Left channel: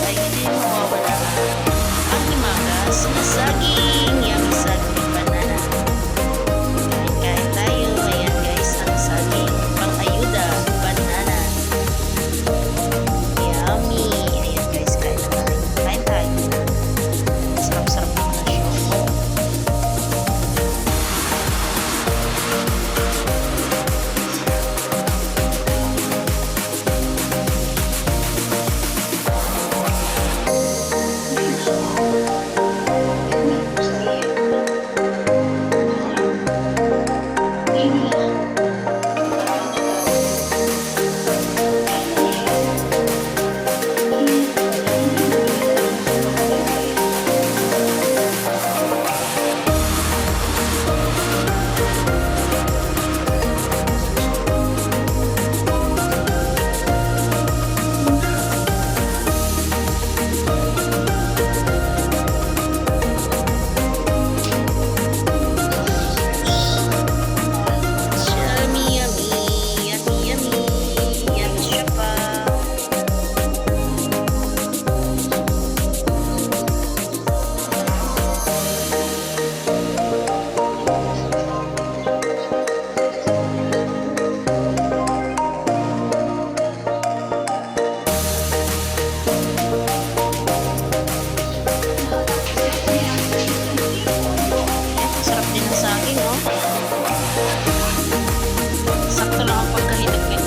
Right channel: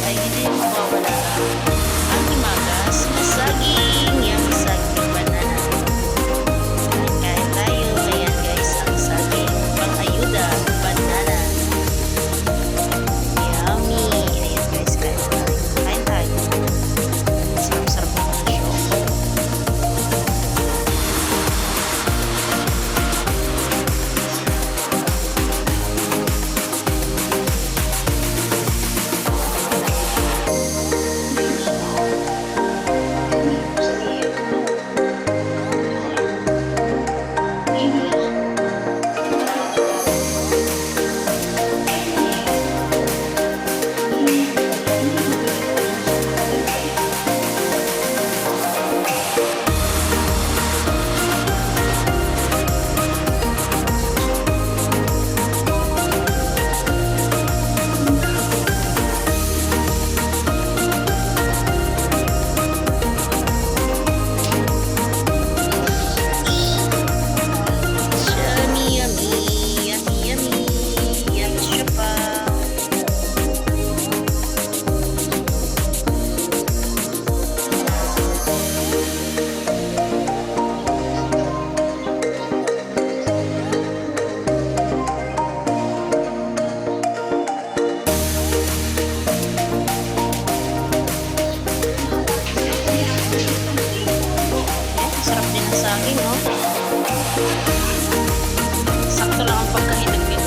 ay hindi mawawala ang himagas na saging. ating oh. Sakto lang ang pagkahinog nito. Eh.